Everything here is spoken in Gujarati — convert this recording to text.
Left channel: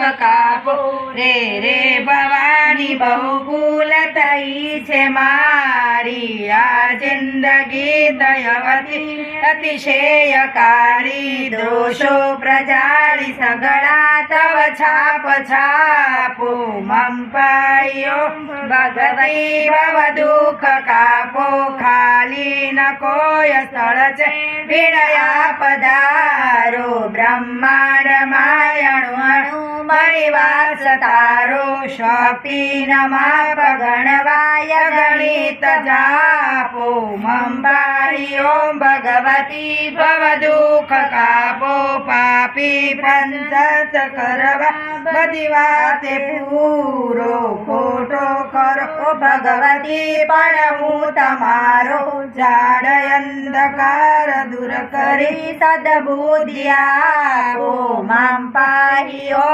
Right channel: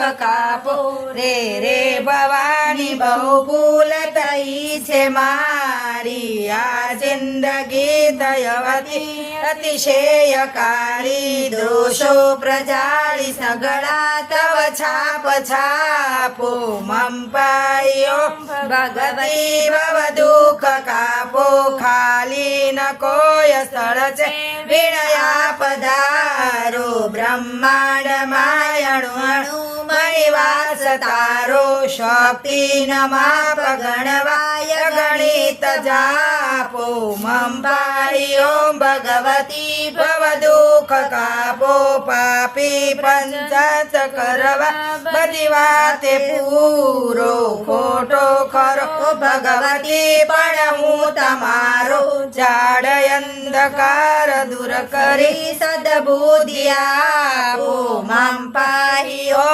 દુઃખ કાપો રે રે ભવાની બહુ ભૂલ થઈ છે મારી આ જિંદગી દયવતી અતિશયકારી દોષો પ્રજાળી સગળા તવ છાપ છાપો મમ પાયો ભગવતી ભવ દુઃખ કાપો ખાલી ન કોઈ સ્થળ છે વિણયા પધારો બ્રહ્માંડ માયણુ મણિવાસ તારો શક્તિ ન માપ ગણવાય ગણિત જાપો મમ પાયો ભગવતી ભવ દુઃખ કાપો પાપી પંચાત કરવા બધી વાતે પૂરો ખોટો ખરો ભગવતી પણ હું તમારો જાડ અંધકાર દૂર કરી સદબુદ્ધિ આપો મમ પાયો